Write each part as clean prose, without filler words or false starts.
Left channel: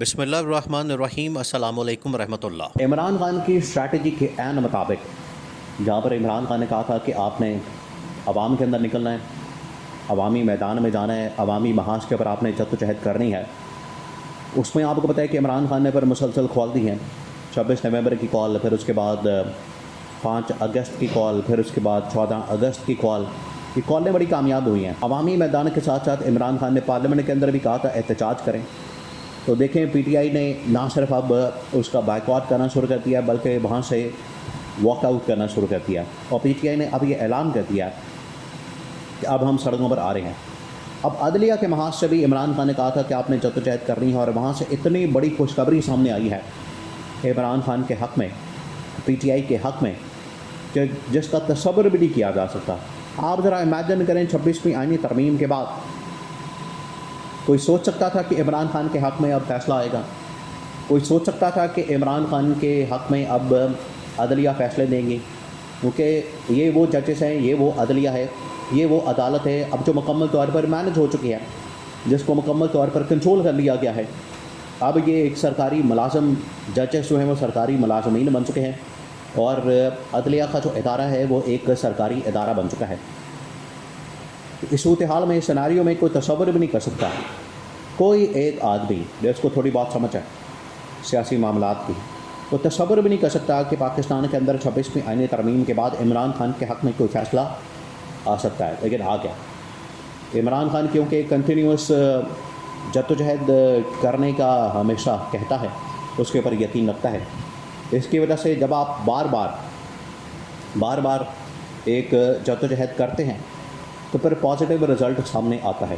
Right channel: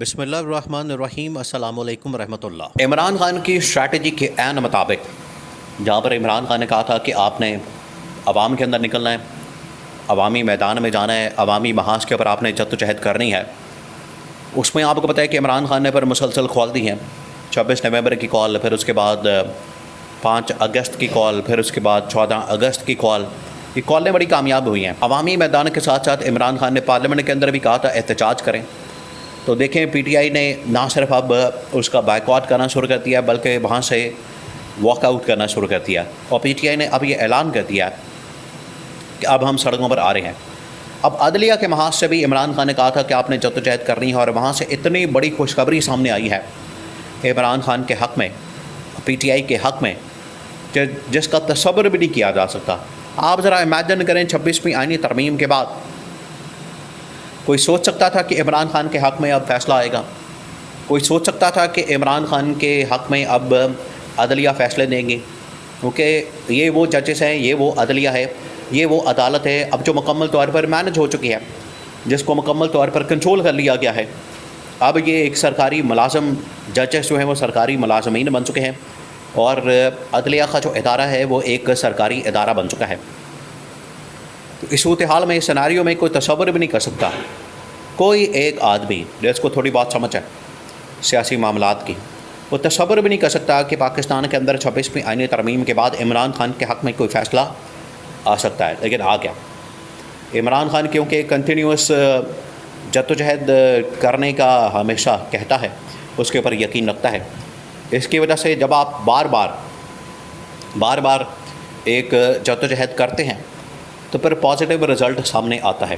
بسم اللہ الرحمن الرحیم۔ السلام علیکم ورحمۃ اللہ۔ عمران خان کی اسٹریٹجی کے عین مطابق جہاں پر عمران خان نے کہا تھا کہ آپ نے عوام کے اندر نکلنا ہے، عوامی میدان میں جانا ہے، عوامی محاذ کے اوپر آپ نے جد و جہد کرنی ہے، اس میں آپ کو پتہ ہے کہ عمران خان نے پھر مسلسل کال دی ہیں۔ 26 نومبر کی کال، پھر اس کے بعد 5 اگست کی کال، پھر اس کے بعد 14 اگست کی کال۔ یہ کالیں بڑی کامیاب ہوئی ہیں۔ عوامی میدان کے ساتھ ساتھ عمران خان نے پارلیمنٹ کے اندر بھی کہا تھا احتجاج کریں، تو دیکھیں پی ٹی آئی نے نہ صرف اب اس کا بائیکاٹ کرنا شروع کر دیا بلکہ وہاں سے واک آؤٹ کرنا شروع کر دیا، اور پی ٹی آئی نے اب یہ اعلان کر دیا کہ اب ہم سڑکوں پر آ رہے ہیں۔ اب عدلیہ کے محاذ سے بھی عمران خان نے کہا تھا کہ آپ نے جدوجہد کرنی ہے، اور وہاں سے اتنی بڑی خوشخبری سامنے آئی ہے عمران خان کے حق میں، پی ٹی آئی کے حق میں، کہ جس کا تصور بھی نہیں کیا جا سکتا۔ آپ ذرا امیجن کریں 26ویں آئینی ترمیم کے بعد کوئی سوچ سکتا تھا کہ عمران خان کے حق میں اب فیصلہ آئے گا؟ کوئی سوچ سکتا تھا کہ عمران خان کے حق میں اب عدلیہ فیصلے دیں گی؟ کیونکہ یہ وہ ججز ہیں، یہ وہ عدلیہ ہے، یہ وہ عدالت ہے اب جو مکمل طور پر مینج ہو چکی ہے، جس کو مکمل طور پر کنٹرول کر لیا گیا ہے۔ اب یہ ایک سرکاری ملازم، ججز جو ہیں وہ سرکاری ملازمین بن چکے ہیں، اور عدلیہ کا جو ادارہ ہے وہ ایک سرکاری ادارہ بن چکا ہے۔ تو اس صورتحال میں، اس سیناریو میں کوئی تصور بھی نہیں کر سکتا، کوئی ایک آدمی جس کو تھوڑی بات سمجھ ہے سیاسی معاملات کی، وہ تصور بھی نہیں کر سکتا کہ پاکستان کے اندر 26ویں آئینی ترمیم کے بعد عمران خان کے حق میں کوئی فیصلہ آ سکتا ہے، لیکن آ گیا۔ عمران خان کیونکہ کنٹینیوس جدوجہد کرنے کا ہمیشہ کہتا ہے، اس کے اوپر یقین رکھتا ہے، اس کی وجہ سے جب آپ بار بار ایک جدوجہد کرتے ہیں تو پھر پازیٹیو رزلٹ سامنے آتا ہے۔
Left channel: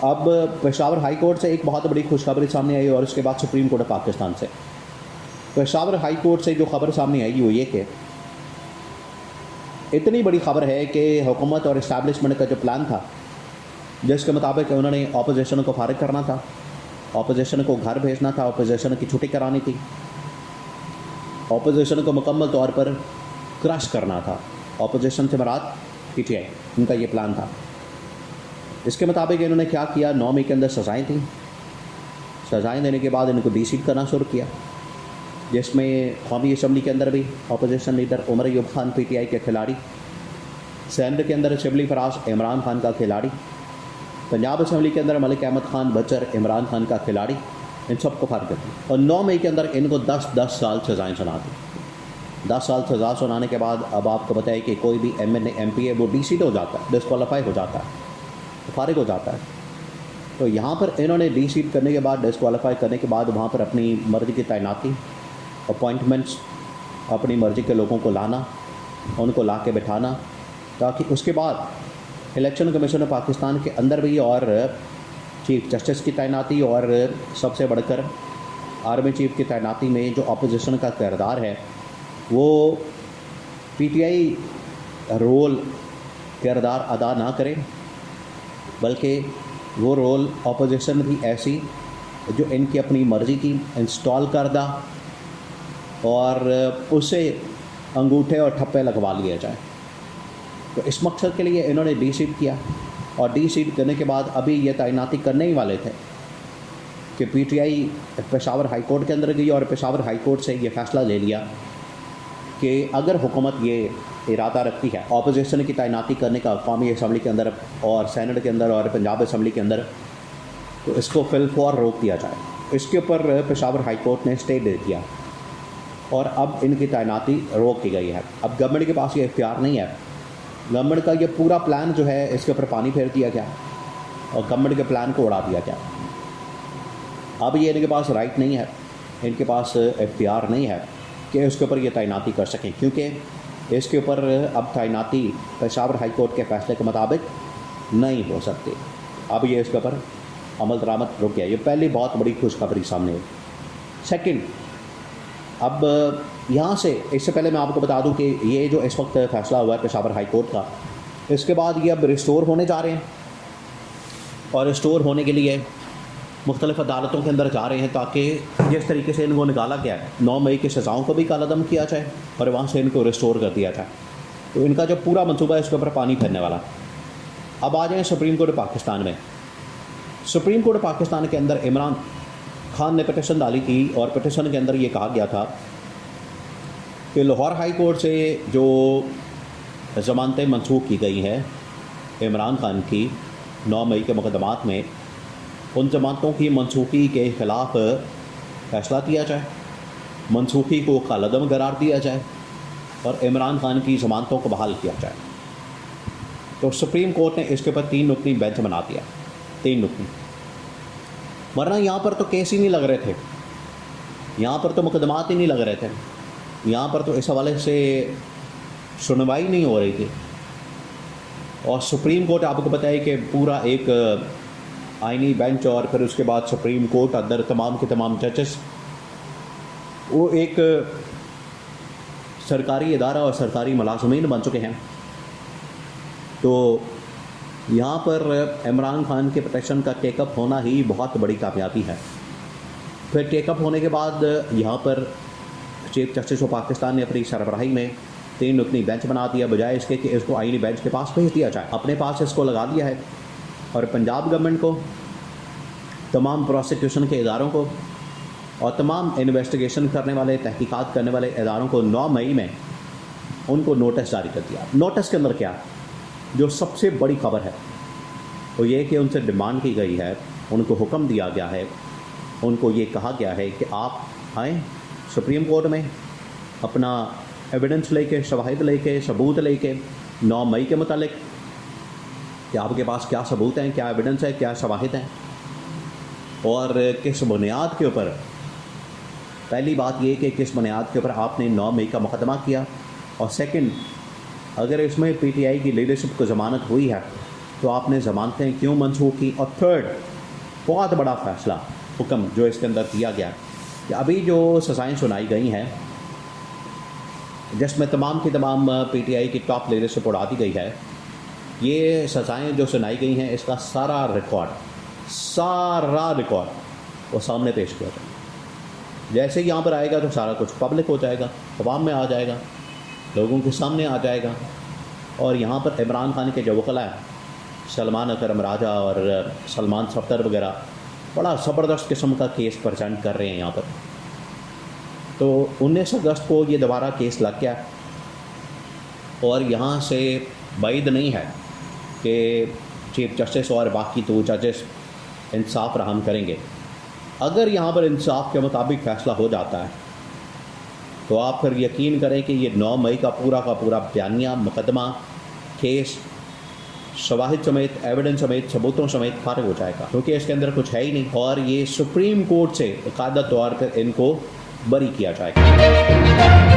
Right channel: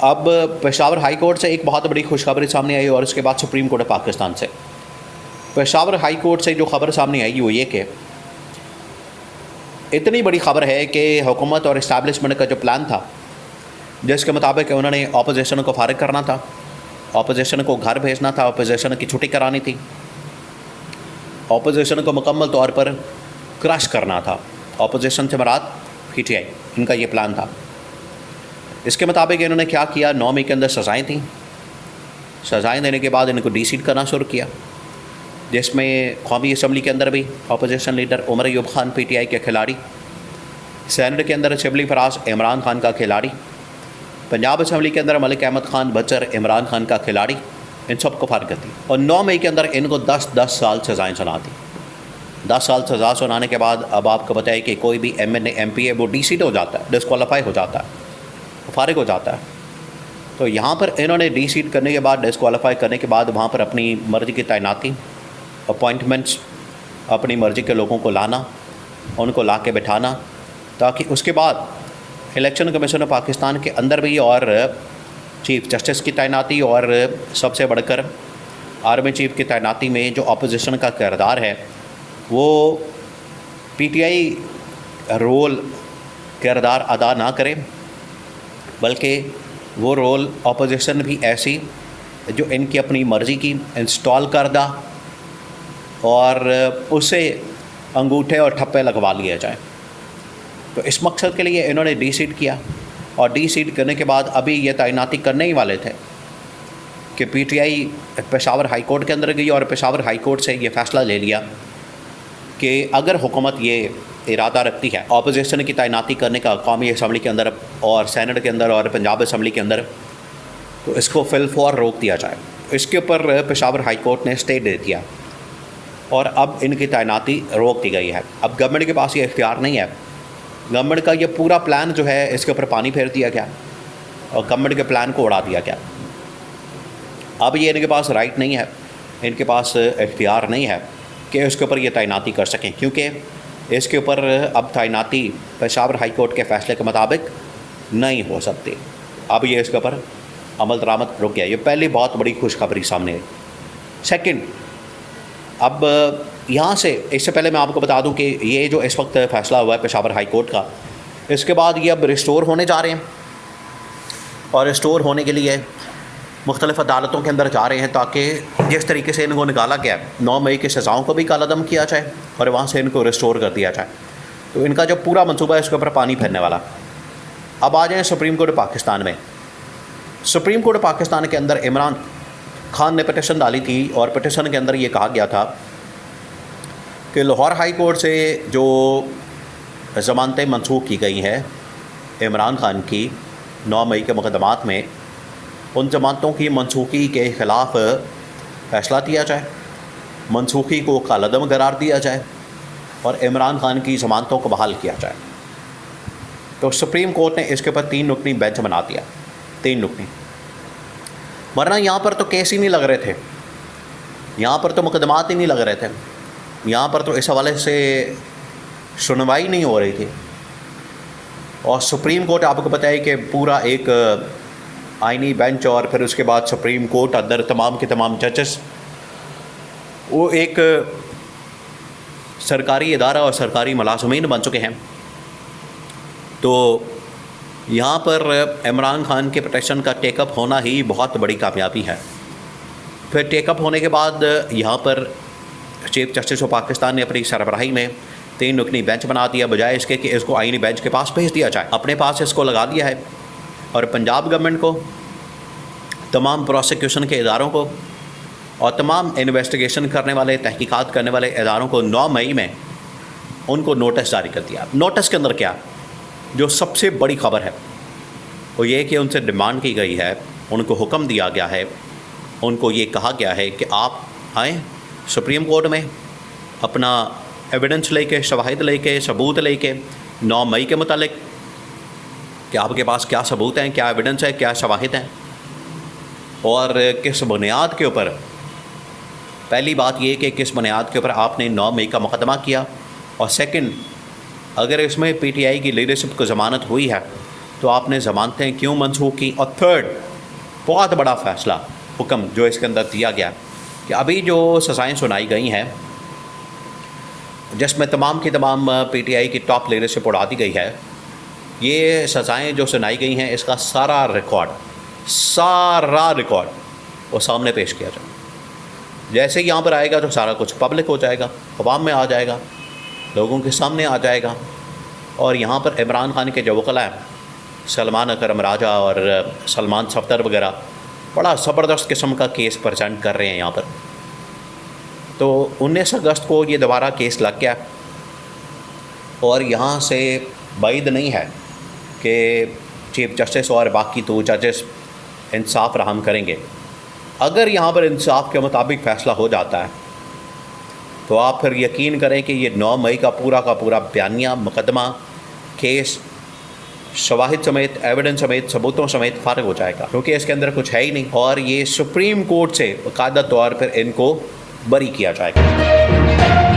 اب پشاور ہائی کورٹ سے ایک بہت بڑی خوشخبری سامنے آئی، اور اس کے بعد سپریم کورٹ پاکستان سے۔ پشاور ہائی کورٹ سے جو خبر سامنے آئی وہ یہ کہ اتنی بڑی خبر ہے کہ حکومت اور اسٹیبلشمنٹ کا جو پلان تھا، جس کے مطابق انہوں نے اپوزیشن کو فارغ کرنا تھا، اپوزیشن کو گھر بھیجنا تھا، اپوزیشن کی چھٹی کرانی تھی، اپوزیشن کو مکمل طور پر کرش کرنا تھا، اپوزیشن سے مراد پی ٹی آئی، ان کا یہ پلان تھا۔ اس کے مطابق انہوں نے کیا کیا؟ 9 مئی کے اندر سزائیں تھیں، سزائیں دینے کے بعد ان کو ڈی سیٹ کرنا شروع کیا، جس میں قومی اسمبلی کے اندر بھی opposition leader Omar Ayub Khan P T I کے کھلاڑی، سینیٹ کے اندر شبلی فراز عمران خان کا کھلاڑی، پنجاب اسمبلی کے اندر ملک احمد خان بچر عمران خان کا کھلاڑی، ان سب کو فارغ کر دی، اور 9 مئی کے اندر ان کو 10 سال سزائیں سنا دی۔ 10 سال سزا سنانے کے بعد اب آپ کو بتائے کہ کوئی بھی M N A M P A وہ ڈی سیٹ ہو جاتا ہے، ڈسکوالیفائی ہو جاتا ہے، فارغ ہو جاتا ہے۔ تو یہاں پر انہوں نے ڈی سیٹ کرنے کے بعد، ڈسکوالیفائی کرنے کے بعد وہاں پر اپنی مرضی کی تعیناتی، اپوائنٹمنٹس، اپنی مرضی کے لوگوں کو لانا، ان کو لا کے بٹھانا، تاکہ اس کے بعد الیکشن کمیشن آف پاکستان کے اندر بھی اور چیف جسٹس کی تعیناتی، اور سب سے بڑھ کر آرمی چیف کی تعیناتی میں جو اپوزیشن کا کردار ہے وہ پی ٹی آئی رول کردار ادا نہ کرے، بلکہ وہ رول اپوزیشن بھی ایسی جو ان کی اپنی مرضی کی انسٹال کردہ، اور اسے انگوٹھے اور ٹھپے لگوا لیا جائے۔ تو اس مقصد کے لیے انہوں نے ڈی سیٹ کیا، اور ڈی سیٹ کرنے کے بعد ابھی یہ تعیناتی کرنے ہی والے تھے کہ P T I Peshawar high court کے اندر گئی، اور پشاور ہائی کورٹ سے یہ فیصلہ لے لیا کہ اگر حکومت یہ ارادہ رکھتی ہے اپوزیشن کی تعیناتی کرنے کا قومی اسمبلی کے اندر اور سینیٹ کے اندر اور پنجاب اسمبلی کے اندر، تو اس کو فی الفور روک دیا جائے۔ اس کے اوپر پشاور ہائی کورٹ نے اسٹے دے دیا، اور اب ان کی تعیناتی روک دی گئی ہے۔ اب گورنمنٹ کے پاس یہ اختیار نہیں ہے، گورنمنٹ کا یہ پورا پلان جو ہے اس کے اوپر پانی پھیر دیا گیا، اور گورنمنٹ کے پلان کو اڑا دیا گیا۔ اب یہ ان کے پاس رائٹ نہیں ہے، ان کے پاس اختیار نہیں ہے کہ اس کے اوپر یہ تعیناتی کر سکیں، کیونکہ اس کے اوپر اب تعیناتی پشاور ہائی کورٹ کے فیصلے کے مطابق نہیں ہو سکتی۔ اب یہ اس کے اوپر عمل درآمد رک گیا۔ یہ پہلی بہت بڑی خوشخبری سامنے ہے۔ سیکنڈ، اب یہاں سے اس سے پہلے میں آپ کو بتا دوں کہ یہ جو اس وقت فیصلہ ہوا ہے پشاور ہائی کورٹ کا، اس کے بعد یہ اب ریسٹور ہونے جا رہے ہیں، اور ریسٹور ہونے کے لیے مختلف عدالتوں کے اندر جا رہے ہیں، تاکہ جس طریقے سے ان کو نکالا گیا 9 مئی کی سزاؤں کو بھی کالعدم کیا جائے، اور وہاں سے ان کو ریسٹور کر دیا جائے۔ تو ان کا جو پورا منصوبہ ہے اس کے اوپر پانی پھیرنے والا۔ اب آ جائیں سپریم کورٹ پاکستان میں۔ سپریم کورٹ پاکستان کے اندر خان نے پٹیشن ڈالی تھی اور پٹیشن کے اندر یہ کہا گیا تھا کہ لاہور ہائی کورٹ سے جو ضمانتیں منسوخ کی گئی ہیں عمران خان کی 9 مئی کے مقدمات میں، ان ضمانتوں کی منسوخی کے خلاف فیصلہ دیا جائے، منسوخی کو کالعدم قرار دیا جائے اور عمران خان کی ضمانتوں کو بحال کیا جائے۔ تو سپریم کورٹ نے اس کے اوپر 3 رکنی بینچ بنا دیا، 3 رکنی، ورنہ یہاں پر تو کیس ہی نہیں لگ رہے تھے، یہاں پر تو مقدمات ہی نہیں لگ رہے تھے، یہاں پر تو اس حوالے سے سنوائی نہیں ہو رہی تھی۔ اور سپریم کورٹ آپ کو پتہ ہے کہ پورا ایک آئینی بینچ اور پھر اس کے بعد سپریم کورٹ اندر تمام کے تمام ججز، وہ ایک سرکاری ادارہ اور سرکاری ملازمین بن چکے ہیں۔ تو یہاں پر عمران خان کے پٹیشن کا ٹیک اپ ہونا ہی بہت بڑی کامیابی ہے۔ پھر ٹیک اپ ہونے کے بعد یہاں پر چیف جسٹس آف پاکستان نے اپنی سربراہی میں 3 رکنی بینچ بنا دیا، بجائے اس کے کہ اس کو آئینی بینچ کے پاس بھیج دیا جائے، اپنے پاس اس کو لگا دیا ہے۔ اور پنجاب گورنمنٹ کو، تمام پروسیکیوشن کے اداروں کو اور تمام انویسٹیگیشن کرنے والے، تحقیقات کرنے والے اداروں کو 9 مئی میں ان کو نوٹس جاری کر دیا۔ نوٹس کے اندر کیا جو سب سے بڑی خبر ہے وہ یہ کہ ان سے ڈیمانڈ کی گئی ہے، ان کو حکم دیا گیا ہے، ان کو یہ کہا گیا ہے کہ آپ آئیں سپریم کورٹ میں اپنا ایویڈنس لے کے، شواہد لے کے، ثبوت لے کے 9 مئی کے متعلق کہ آپ کے پاس کیا ثبوت ہیں، کیا ایویڈنس ہے، کیا شواہد ہیں اور کس بنیاد کے اوپر۔ پہلی بات یہ کہ کس بنیاد کے اوپر آپ نے 9 مئی کا مقدمہ کیا، اور سیکنڈ، اگر اس میں پی ٹی آئی کی لیڈرشپ کو ضمانت ہوئی ہے تو آپ نے ضمانتیں کیوں منسوخ کی، اور تھرڈ بہت بڑا فیصلہ حکم جو اس کے اندر دیا گیا کہ ابھی جو سزائیں سنائی گئی ہیں جس میں تمام کی تمام پی ٹی آئی کی ٹاپ لیڈرشپ اڑا دی گئی ہے، یہ سزائیں جو سنائی گئی ہیں اس کا سارا ریکارڈ وہ سامنے پیش کیا جائے۔ جیسے ہی یہاں پر آئے گا تو سارا کچھ پبلک ہو جائے گا، عوام میں آ جائے گا، لوگوں کے سامنے آ جائے گا۔ اور یہاں پر عمران خان کے جو وکلاء ہیں، سلمان اکرم راجہ اور سلمان صفدر وغیرہ، بڑا زبردست قسم کا کیس پریزنٹ کر رہے ہیں یہاں پر۔ تو 19 اگست کو یہ دوبارہ کیس لگ گیا اور یہاں سے بعید نہیں ہے کہ چیف جسٹس اور باقی 2 ججز انصاف فراہم کریں گے۔ اگر یہاں پر انصاف کے مطابق فیصلہ ہو جاتا ہے تو آپ پھر یقین کریں کہ یہ 9 مئی کا پورا بیانیہ، مقدمہ، کیس، شواہد سمیت، ایویڈنس سمیت، ثبوتوں سمیت فارغ ہو جائے گا، کیونکہ اس کے اندر کچھ ہے ہی نہیں، اور یہ سپریم کورٹ سے باقاعدہ طور پر ان کو بری کیا جائے گا۔